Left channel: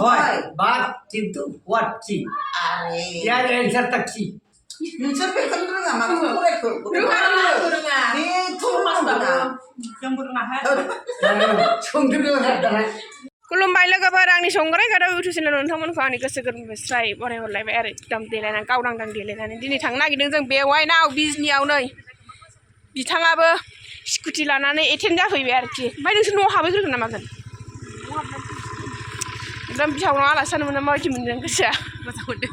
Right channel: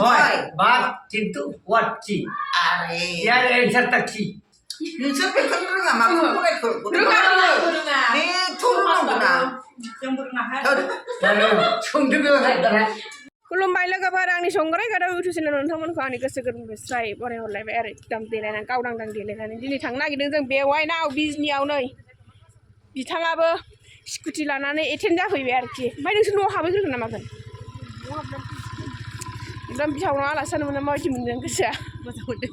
হয় বাট কিন্তু হোয়াট চি আরে ইয়ার एंसार तक চি नोंसोर बेखौनो रोङा माखौ फरायखो रोङा बे थुरुङा संदों दाना खुलुमबाय लोगोफोर आंनि संग्राय गादाव इउटुब चेनेल नोंथांमोनखौ आंनि गोसो गोरबोनिफ्राय बराय हरलायबाय आरो एकदम देलायनानै गावदांदां देलायनानै दिनै थांनो नागिरदों जों बेवाइनाव बिजनियाव नै बिथाङाबो स्कुटि लानानै एटेन्ड जाफैबाय आरोखि ओमफ्राय नोंसोर न'आव हाबहैग्रोगोन ना मागोन एकदम बिहावनाव आलासि जानो मोना माबायदि मोनदों गोसोआ मोजां मोनदों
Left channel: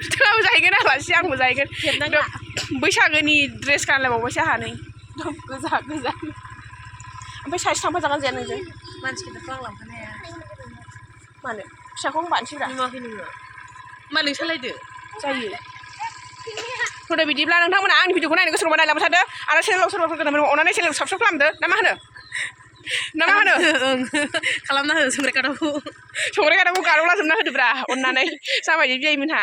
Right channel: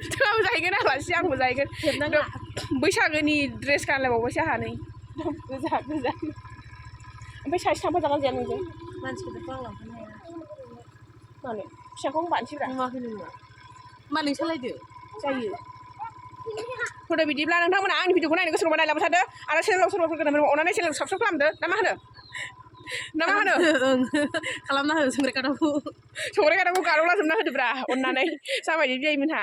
बिथाङाबो जाहैगोन आलासि आंबो जाहैगोन बैसागोनि ड्रेस गानलायबावबायसो आंहा नै एकदम गोजा गोजा ओमफ्राय साइज थांफा जागोन जाया नोंजों मानसिखौथ' आं लांफानो हाया मानो फिसाखौ बानोसैब्रा नुवाखै नोङो मा नों सालायदो जायो थ'दो बिदिब्ला नोंथांमोना आंनि भिडिअखौ नायनो गोसो दंबा नायलांबाय थादो आरो चेनेलाव सोरबाफोर गोदान अननानै चेनेलखौ साबस्क्राइब खालामदो ना मा होनो खालामना हो संग्राय गादावखौ गार'लाजोबना होदोब्रा अननानै जाबायदि बियाइमोनहा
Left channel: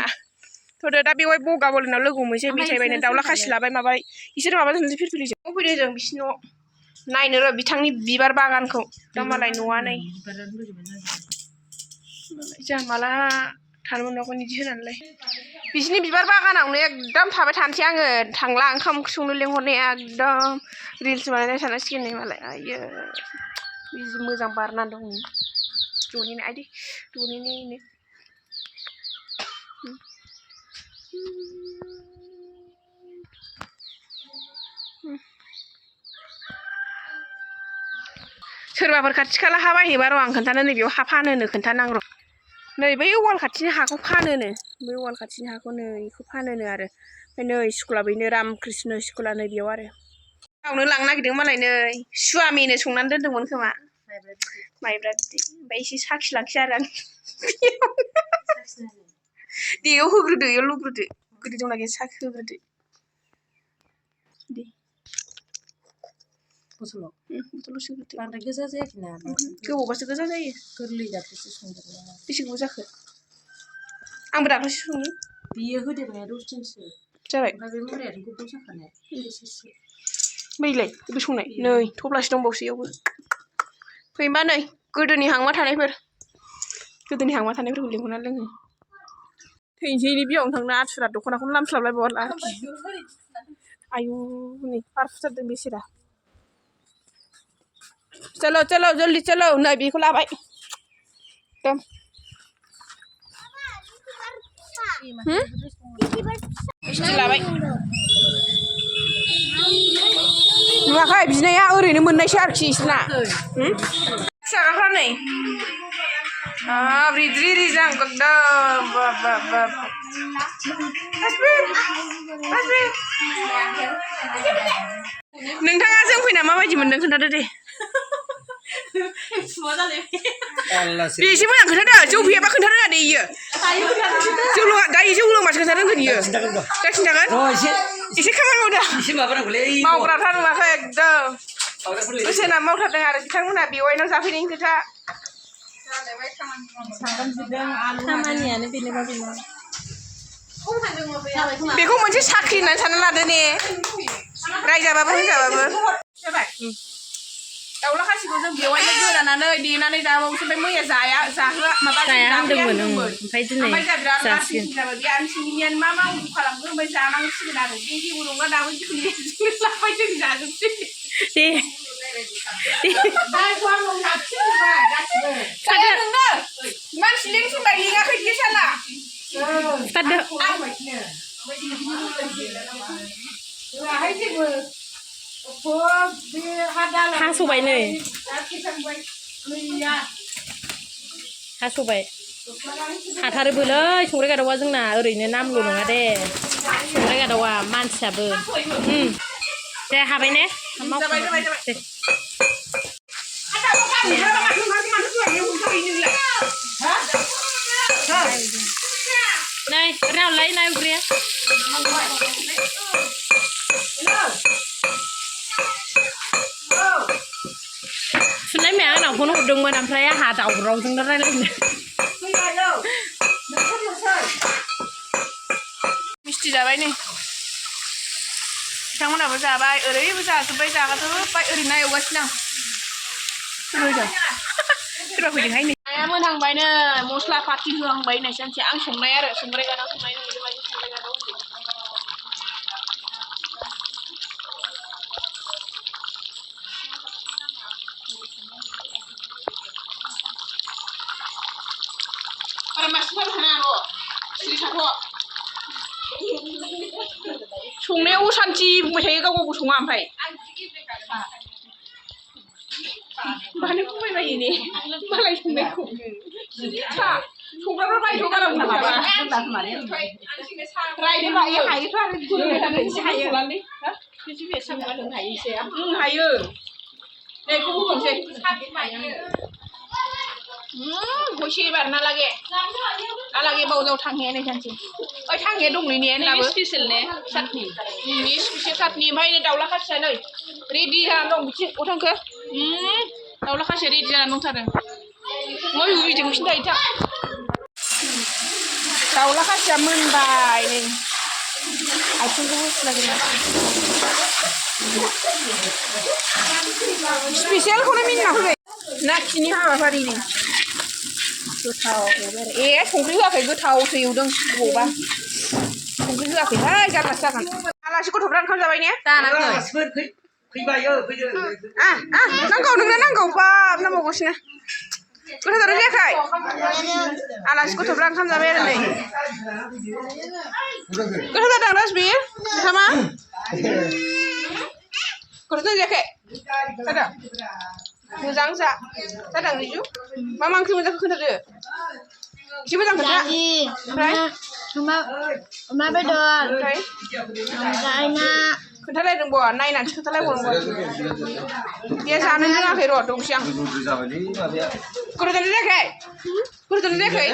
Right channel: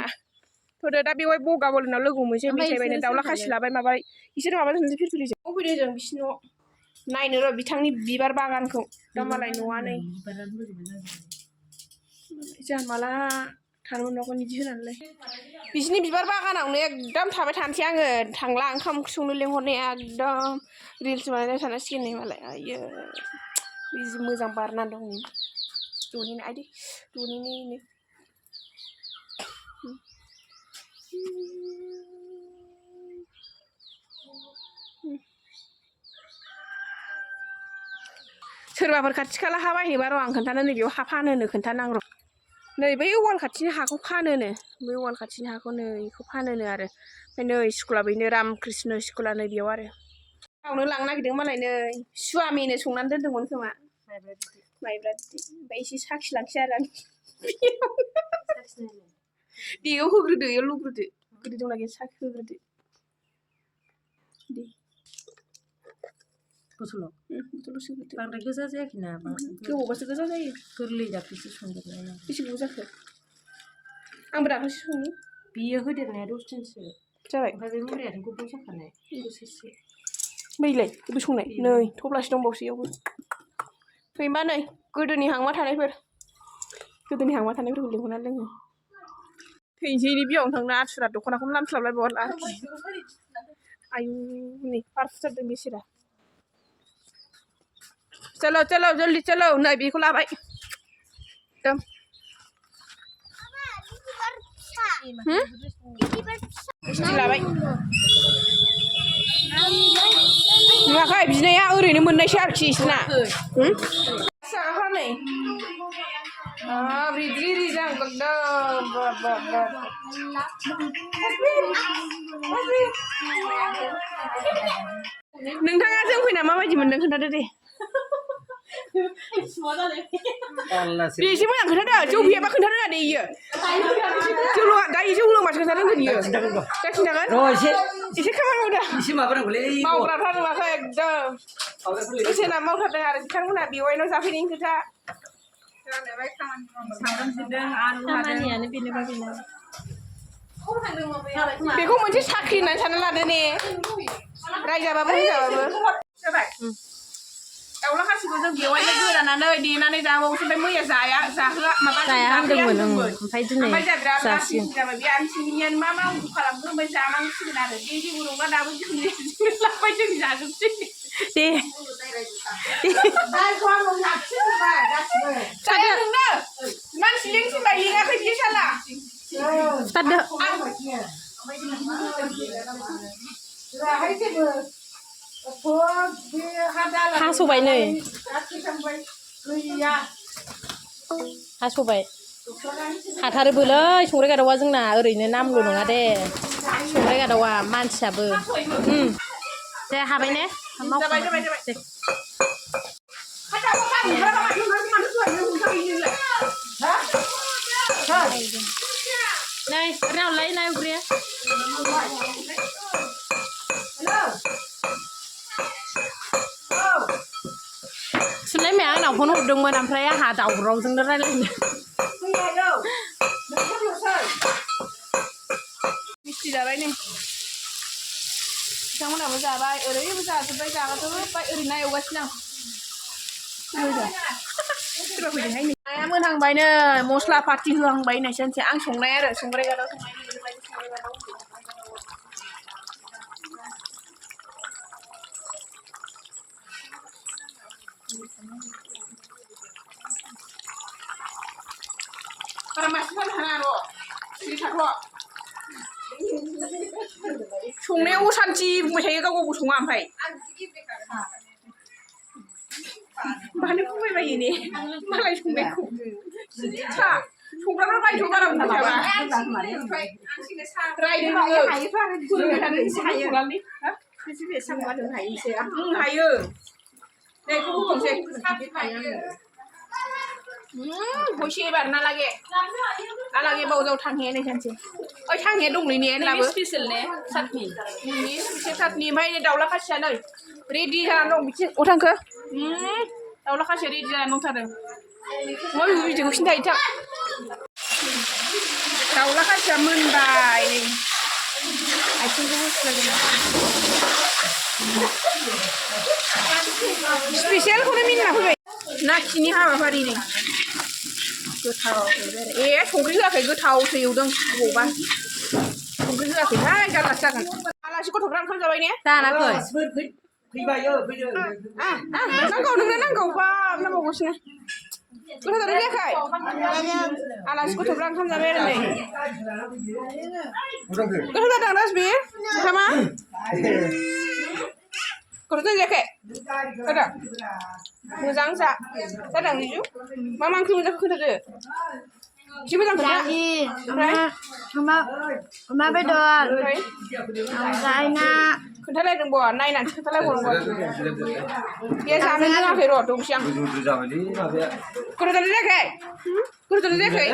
थ'दो दा बेवहाय बगा बलिनाव लोगो हमहैसै मेथाइ बायनो दाउला खासि लाबाय माबाय इसोर माबाजोंसो फिरफिलिजों फैदो जों बिसिनि न' नायनो र' बिथांनि बिबार बागानखौ दा मालाय न'आ नै जोंहा माला थानो मोनबावगोन बिदि होनानैलाय बिसिनि बिबार बागानावनो एकदम थाबाय थानोसै आङो थांला ओंखाम ओंख्रि संनो लेंहरनाया एकदम रिल्स बानायनाय सानांसिगोन नै मालाय आयो जि मोजां बारना दं द'निनो आइदि द'निनो सोरबाफोर खाथि खाला हा बायनोबा र' आं खोन्थानो नै बेयाव हा फानोनो खोन्थानां र' नै बै वाल खाथिनि हाखौ फानोनो बै वाल खाथिनि हाखौ नै बेखौ फानोनो आरो ओमफ्राय नै स्कुला बैनो रामकृष्ण स्कुला नै बेयाव आरो गावनो लांनो नागिरदों मालाय नै सुवामिनो संनानै दोनदोंमोन खोमा माइब्रा बिदै ओमफ्राय एसे साखिलांसै आरो आं दे बेयाव होग्रोदो बेयाव लुग्रोदो गोदै दंना गैया साखि होग्रोदो दे बथलाव सोग्रोदो बांद्राय गोजा जायाखै ना गोबावबासो गोजा जायो गोरलै दाख्लैसो संदेरनाय बेसे गोबाव जाखो आंबो दाख्लैसो सङो बियो होदेरनाया 10 दिनसो जाबाय ओमफ्राय बे मुरायानो गोबाव जाखानाय बोसोरसे मैलाय बे संनाय नै थब्लासे दंबावसो इयावबो फैमा नै गोदोनि हांमा थानायफोरखौ लिंहरना लोङो थैनोसै नै बियावनो थांनो आथुरा दख'नाखौनो लामस्लाबलायबावला आयु नै पारफुथारदों बेसेरा चलो चलो जल्दी चलो नै बेखौ लाबाय एकदम मिस्टि लाबाय नुवाखै बिनाया ओरैनो मोननायसो आरोखि इसोरना फिसाफ्रा नै रिद्रि रिजां एकदम नोंथाङा जों फैना माबायदि मोनदों खोन्थादो दे बेसे मोजां खोन्थादो जौ फैयाबा खोन्थारोङा दे इयो दायो जौ लोंबासो खोन्थारोंगोन इयो दा खिन्थागोन एसे खामानि मावदो मावग्राफ्रा नुवाखै एकदम बोसोना मावथारदों आरो बिथांमोनहा बेवाइनाव जाफैनायनि खोथा खामानियानो बेनोबा बेनो बेखौ मोनसे साख्रि होननानै सानना लादो ने रायजाबाबो होनजाबाबो जाबाय दाउला खासिखौ जों बेवाइनो गोरानानै देनानै जाबावोसो ओमफ्राय मैया जाहोआ माबा जाहोदोंमोन ओमफ्राय दिनै बिराद लासिं जाबाय बे आरो सिंगिनियानो मा मावु खालामगोन ओमफ्राय जानांसिगोन आरो बे जेबो नङा दाबो जों लाबाय जों जाजोबसै दे नोंनो मानसि लिंथिंबाय लिङाखै बे साला हास'बाय नै हास'बाय हाथारोबोलै संग्राय गादावा जोंना ओरैनो नामल' नङा दे संग्राय गादावा मानसियाबो दे हाबाय ने नै रावलाय ना उग्रिया सुनाय माया आंनाव फन हरदोंमोन ओमफ्राय आंहा दावरावजोंनो रायलायनो मिस्टि जाबाय नै बिथांमोनाबो जाबाय ओरैबो जाजोब्बाय जागाजोब्बाय ओरैनो एवगासिनो आं सोरबा फैदोंहाय नै नाया मोनहांबायनो मस्ला पार्टि होहांबाय नै सानसे आं संनाय आरो संग्राय गादाव संनाय नुबाय संग्राय गादाव para masuk sana kok sini satu संनायाव सानथि बुंबाय थायो गाव गावबो सङा ओमफ्राय मानो बुंबाय बायो ने मालाय संनायखौ संग्राफ्रा रायथ' गालांना माबा रायनो हायो हायोथ' आरो बुंबाय थानो हायो नालाय हायो नै बेखौ होबावसै होसे एबार नालागे बावजाव थांहे नै सानसे ओइ थांहे दंलै ने नैबे स्पेशल ने चाटनि नैबे स्पेशल चाटनि ओमफ्राय नै दाउला खासिया नै रेडि जानानै दं बिथिं अ थांखो दाउला खासिया रेडि जानानै दंथारो मा बेबो बिदिखौ खिन्थायो थां दाउला खासिया मोनबाय आथिंखौबो सुलाजोबना स्पेशलखौनो मिनिना फैबाय नाखिनि हाबाफारिनि गोथाव ए संख्रि होआखै गोथावसो एवदों बबावबा संख्रि होआखैहाय जारलासो जागोन आलासि गथ'फ्रा ओंखाम जाबाय ने फैबाय फैदो नांगौ नोंनो नांगौ बाब नांबावगासिनो गोथाव जायाखै आलासि गथ'फ्रा ओंखाम जाबाय आरो नै गोथाव जादों राजबि ओंखामा गोथाव जायाखै जादों मोजां जादों रिजु मा ओंख्रि मोनजाखो खोन्थादो एसे मोजां खोन्था ओमफ्राय अमा बेदर ओमफ्राय ना खोन्थालायदों बा नायनानैसो खोन्थालायबावनांगौ बे जानो रोङाखै र' दंसै आं गोथाव जादों जायाखै गोथाव जायाखै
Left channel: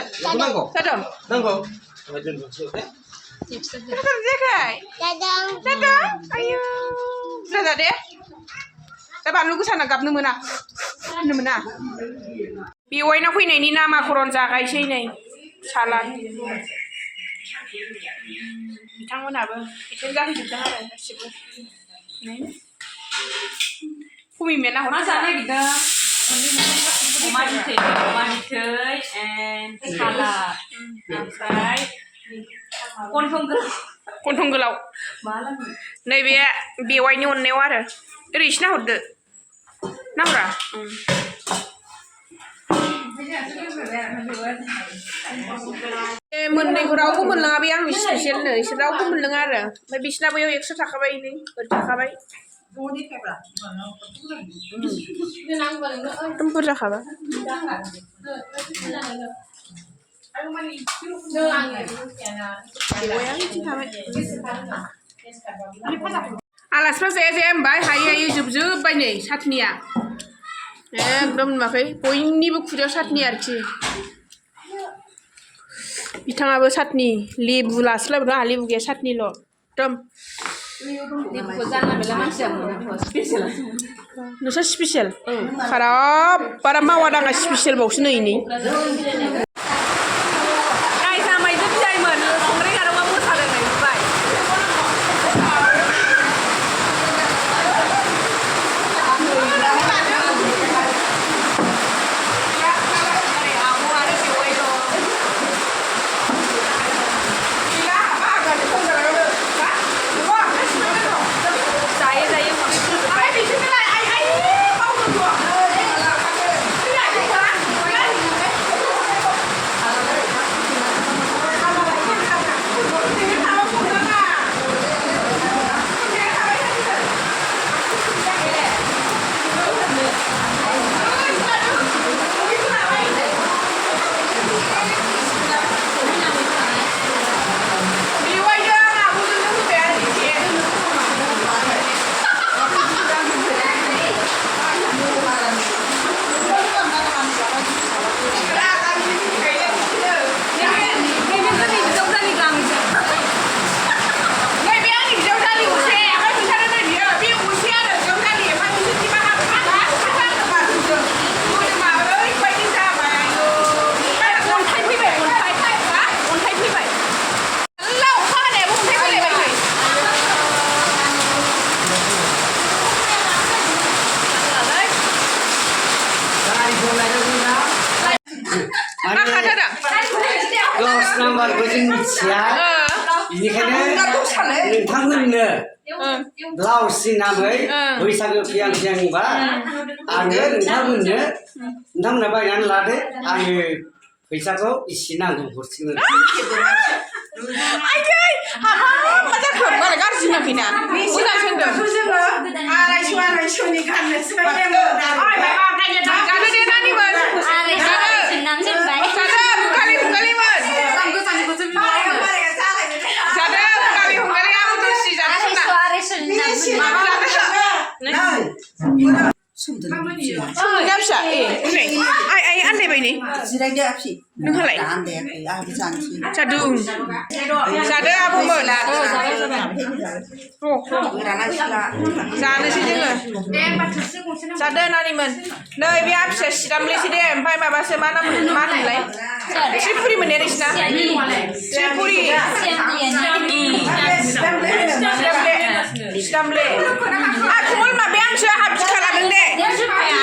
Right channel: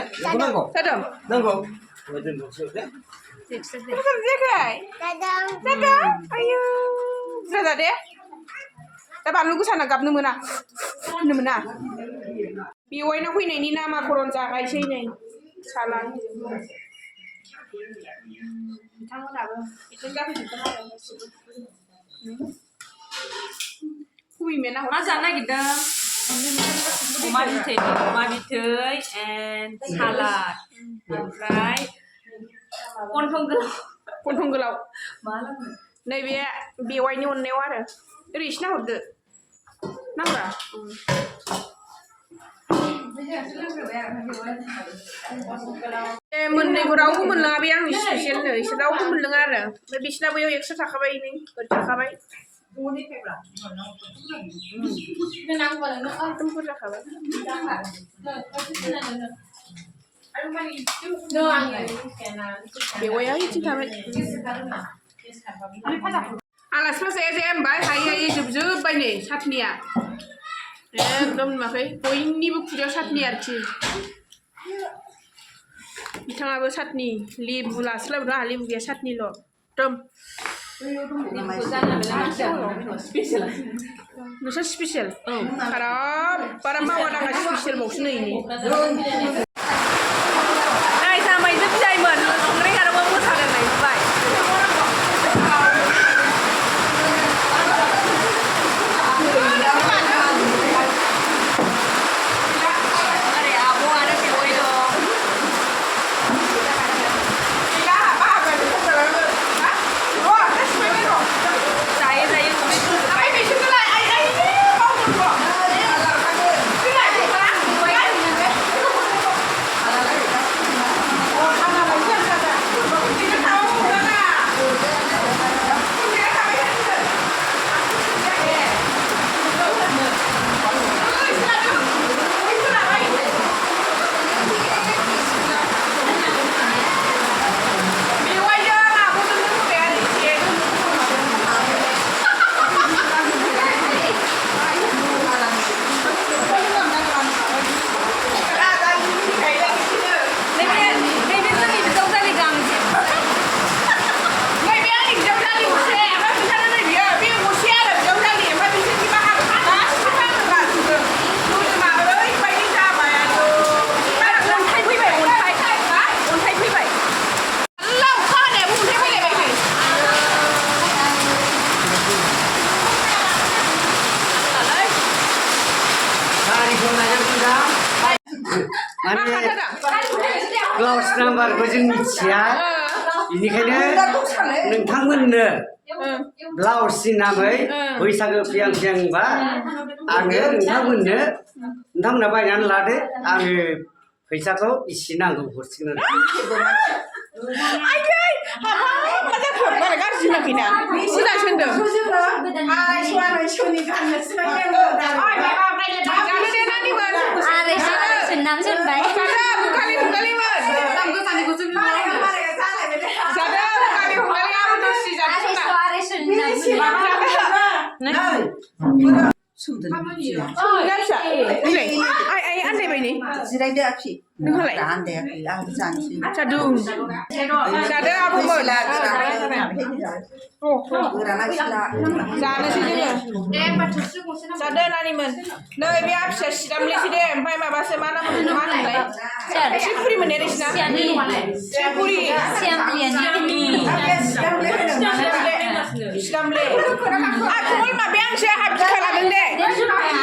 जादों गोथाव जायाखै जादों आयौ बुरजा जा दे दा बानलु गोसाना गाबनो मोना होननो मोना बेवाइनाव फैनायनि नामाकरन जागायसै नै सालाद बिथांमोनाबो एटेन्ड जाहैजोबदों आरो गासिबो फुमिमाया नाहर मा जानो नागिरदों अमा बिथै एन्ड सालाद ओमफ्राय गन्थं गोलाव नैबे बेवाइनि अननायाव आरो ओरै एसे नाहरदो नाहरा मोननैबो रावबो मोनलाङा बे आंनि स्पेसियलनो इसोर रावबो मोनलोङा आरो ओमफ्राय बिसिना बैयाव 100 थाखाबाय नै ओरै थाखाबाय एकदम बुरजाखाबा बेवाइया बिथिं थाबाय आलासिफ्रा जाया होनबाय हायै जोबजोब्बाय नै चाटनिया एकदम नुवाखै बयनिबो खुगायाव चाटनि आरोखि बिथाङाबो चाटनि लेबु लास्लायबाय आंहा लेबु गैया चाटनिल' एकदम नोंस्रा स्पेसियेल बारा मावा दाङा स्पेसियेल बावसो नै नाय जामायजों बिदायमोन संग्राय गादावा मोसादों नै नुबाय माने खाथारा क्लास नाम्बारखौ जों मिथिया बेनिखायनो नोंथांमोननो ब्लाउसनि नामै बैसागो फैहां फैहांबा आङो नोंथांमोनहा बायनानै लादो आङो फैसाखौ इसे नांगौ हरसिगोन आयै हाबाब मा जाखो बारा गाज्रि नाखैना मोजां सोंदों आरायस'नि गाननोसै जानो दे नानिमोन जादो बुगालि हुगालिमोन जादो बुगालि हुगालि आंबो दरसि जानो सोंना जादो सोमदोन दा फिसा नै आइ आन्दायबाय नै जिरायदो आफि नोंहालाय आन्दायाखै आंबो जानोसै जादो जादो आब'मोन जानोसै जोङो जादो नानिमोन नै बे आफिया सिरामलेसै दे ओमफ्राय माबासो मा होनोमोनलाय त्रिपुरि मोनने नोंसिना त्रिपुरि सिरामले आखौल माबाया आंसो आंहा बिखा लादों दे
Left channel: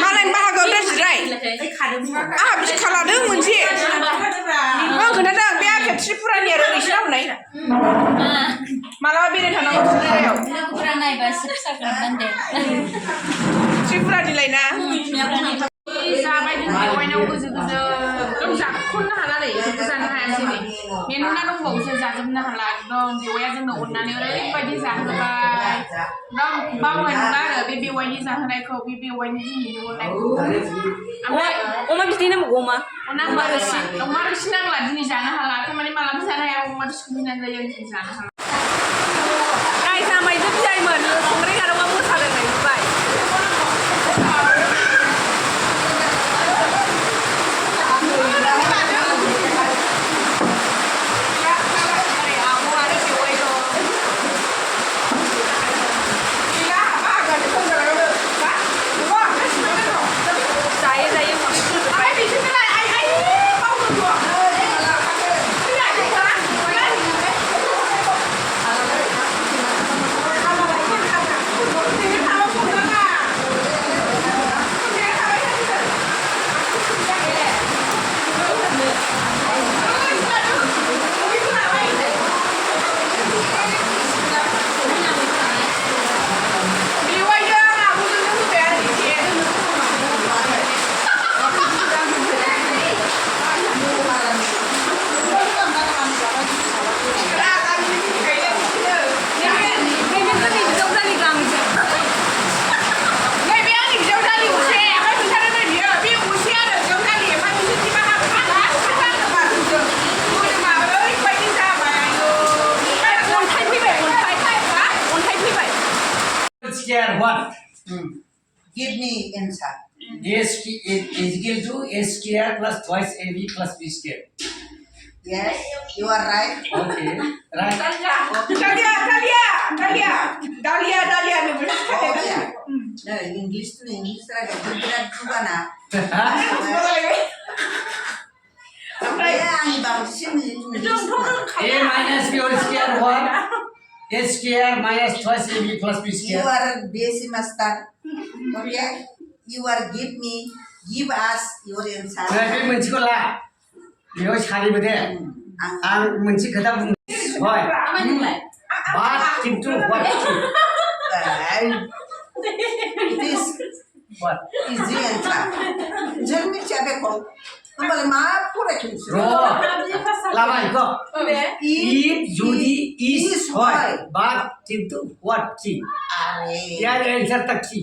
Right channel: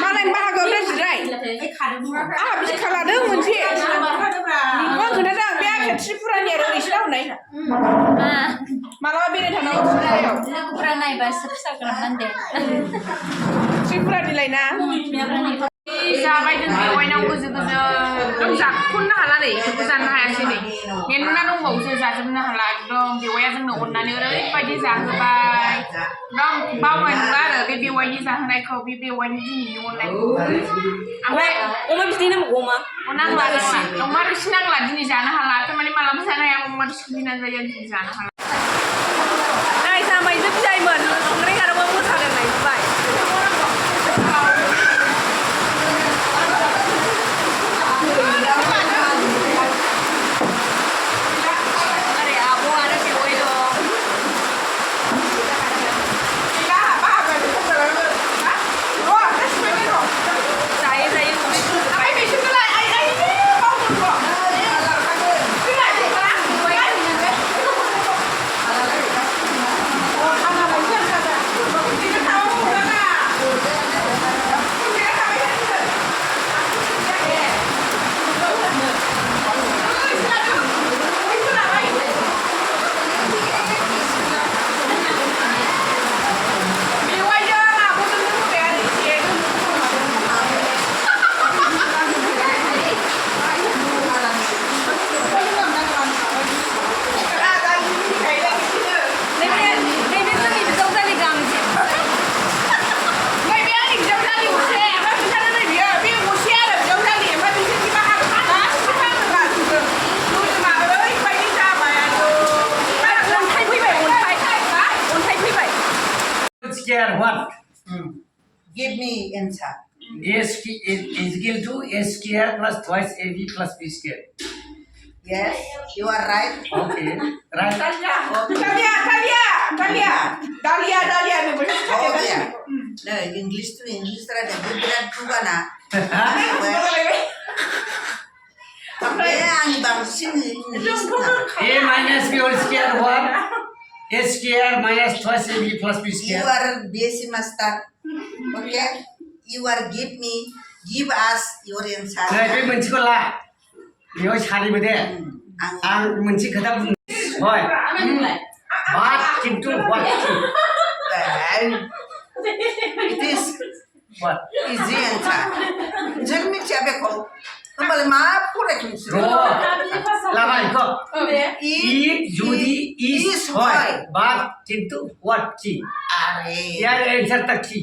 मालायनि बाहागोआव दा जिराय आंहा बिखा लादों मोनसे आं खोन्थादों बे आफिया त्रिपुरानि आरो नोंसिना हनै मालाबा बेरायनो थांनांगौ त्रिपुरानिलाय ना जाबाय जों बेवाइनाव गोजो एकदम जाख'नो हाला नै बेफोरखौ जानो हायासै नै मेरला दंबावोसो जाजोबनो हाला एकदम बेवाइया जोंनो अननानै ओरैबायदि जाहोबाय एकदम बावनाय नंला आरो बे बेवाइनि जाहोनायखौ बे बेवाइनि दिनैनि अननायखौ ओमफ्राय अमा बिदै नांबावगौ नांला अमा रोसि नांला दिनै जानो हाला थारमाने मालाबा जानो हाया अमा रोसि बिनानै जायो दिनै जानो हाला नाय जामायजों बिदायमोन संग्राय गारौआ मोसादों नाय नुबाय Square what? Give me answer. A is equal to A square plus twice AB plus B square. Yes, you are right. Okay, right. Dalia. Oh yeah. No, English to English right. Good juga na. A minus B whole square what? A square minus twice AB plus B You square. are basic master. Okay. You are give us your answer. नै बे मोनसेखौ ला बेयाव सारिबो दे आं मोनसे खोथा बुंनो हय बाट किन्तु what It is what easy answer. जों मिथिया बेखौ होमबालाय मा फरायथोंसै र' लाबाय इखौ इट जुदि इज हय बाट किन्तु what कि आरे यार एन्सार ता कि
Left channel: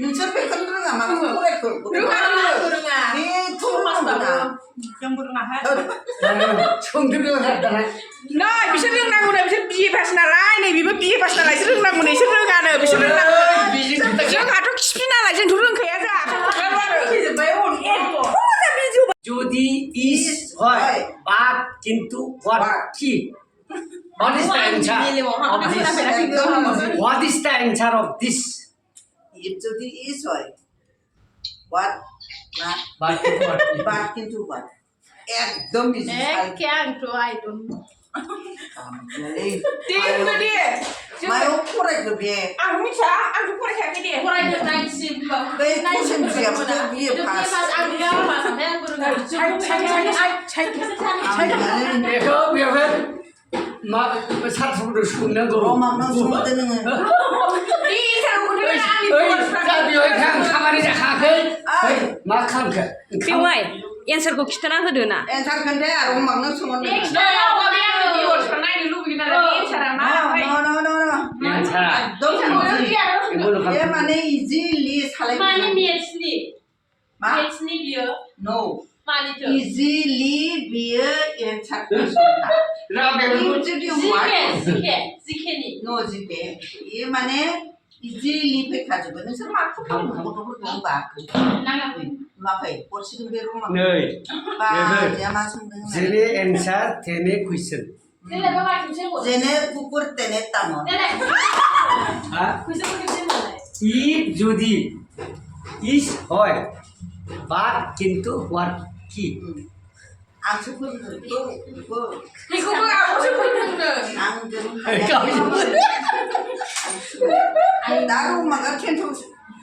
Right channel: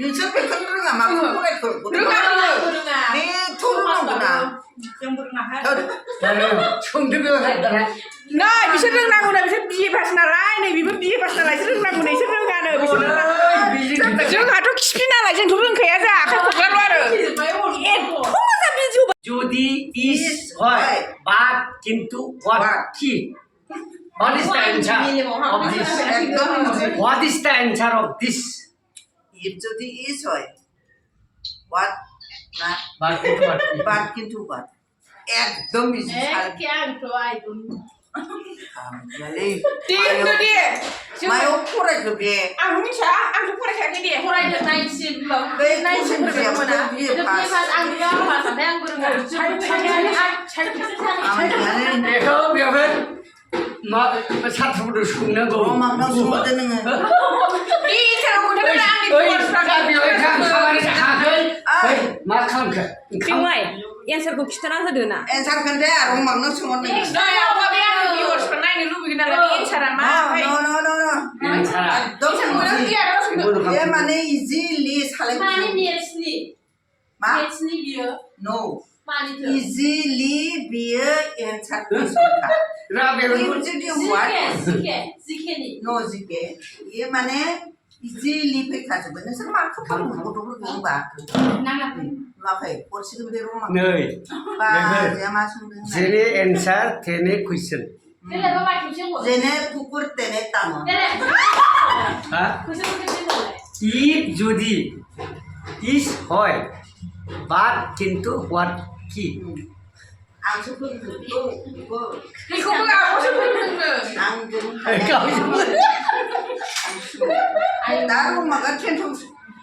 नोंसोर बेखौनो रोङा मा फरायखो रोङा बेथ' रोंनांगौना सोंदो बेयाव दाना नै बिसोर रोंनांगौनो बिसोर बिए पास नालाय नै बेबो बिए पास नालाय बिसोर रोंनांगौनो बिसोर रोङानो बिसोर रोंनांगौ जोंहाथ' खिफि नालाय जोंथ' रोंखाया जोंहा आखाइ खबलाबो आरो जुदि इज हय बाट किन्तु what कि What is the answer of this? What is the answer of this? If যদি is হয় what not But into what? but কিন্তু what একদম ইজি मायाव फरायखो बे आं मिथिया आंथ' फरायखायाखै दे बै कुइसन बिजाबखौ बिए पास 아무튼 बेखौ बेवहाय मा साथ्रफोरनो सोंनांगौ रोमांनो सोंहरदो नोङो 이 인사로 그대로 아니 ओइ दा बेवहाय खामानि जाखाङाखै ओइ मा खालामखो बेवाय एन्सारखौ खिथाना होदो ना एन्सार खोन्थे रोमांनो सोंहरदो 너야 봐봐 이월스가 나이 루비긴 하라 인사라 마 नो एकदम ये माने इजिली सालाय माने मेथ्सनि मा मेथ्सनि बियो नो मानिथो इजिली बियो एन्सार कुइसनखा रा बेवहाय जुदि जिकेनि नो जिके ये माने इजिली फैखाजोबो नोंसोर माखौ फोरोङो गथ'फोरखौ होनबा नाङाखै नुवाखै हरसिगोन बे रोमां नै बा बेबो जे मा सोंदों जेने एन्सार तेने कुइसन देलाय बाबा खेबसे बुं जेने कुकुर तेने ताङो देलाय हा फैसा खेबसे बुंलाय if যদি is হয় বাট কিন্তু what কি आंसो फोरोंदों 이거가 무슨 소리인데 आंजों 나 रोमा가 텐트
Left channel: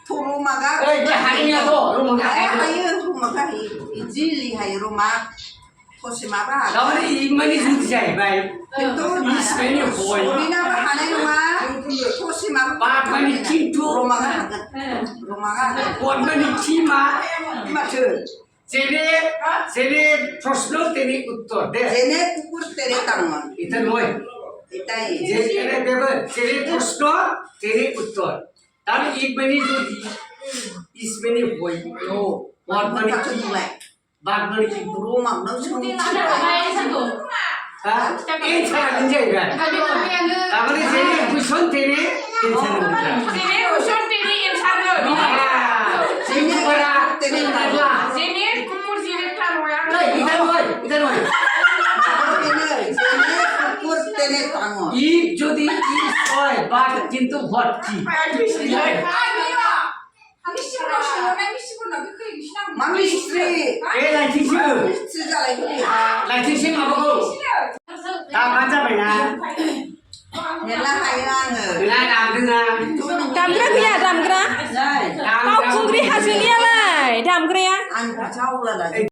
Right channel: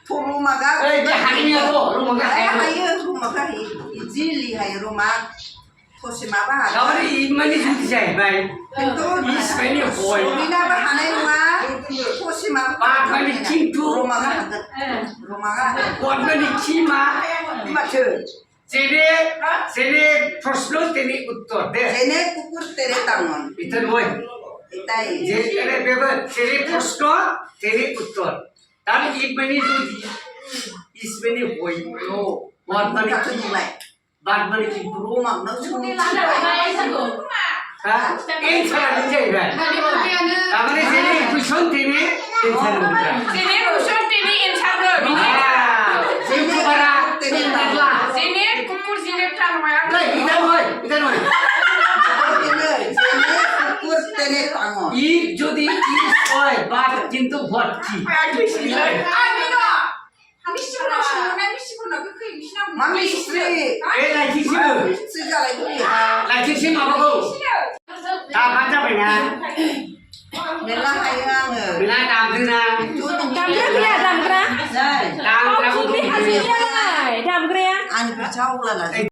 रोमा가 ओइ बे हारियाव रोमागा हायो रोमागा इजिली हायो रोमा ससे माबा गावनि इमानि जुदि जाहैबाय खिन्थु is माने হয় सरिनाबो हानाय नङा ससे माबा बाट माने खिन्थु रोमागा हागोन रोमागा हागोन what माने কি मा माथो जेने प्रश्न तेने उत्तर दे जेने कुकुर तेने ताङन এটা নয় এটাই যে এনে বেবে তেনে প্রশ্ন তেনে উত্তর তার if মানে যদি is মানে হয় नो what মানে माथो কি नुलाय बाट মানে কি रोमांनो सोंथिबाय ها एन्सारानो जाहैबाय तारमाने जेने कुइसन तेने एन्सार होनबाय 제네 쿠션 테니 인사는 जेने बारा तेने तागला 제네 कुकुर 제네 타노야 नै इधर नय जेने कुकुर तेने ताङन 이 যদি is হয় বাট কিন্তু what কি 마미스트리 ए लाइथिसो 미스트리 जालायखो लाइथिसो माबाखौ दा मा जाबायना मेरला हायो आङो नोंना दामदोंना दामग्रा गैया दामग्रा नै बावखुंग्रि हाजोनियालाय दामग्राया आंनि खाथियाव अब्ला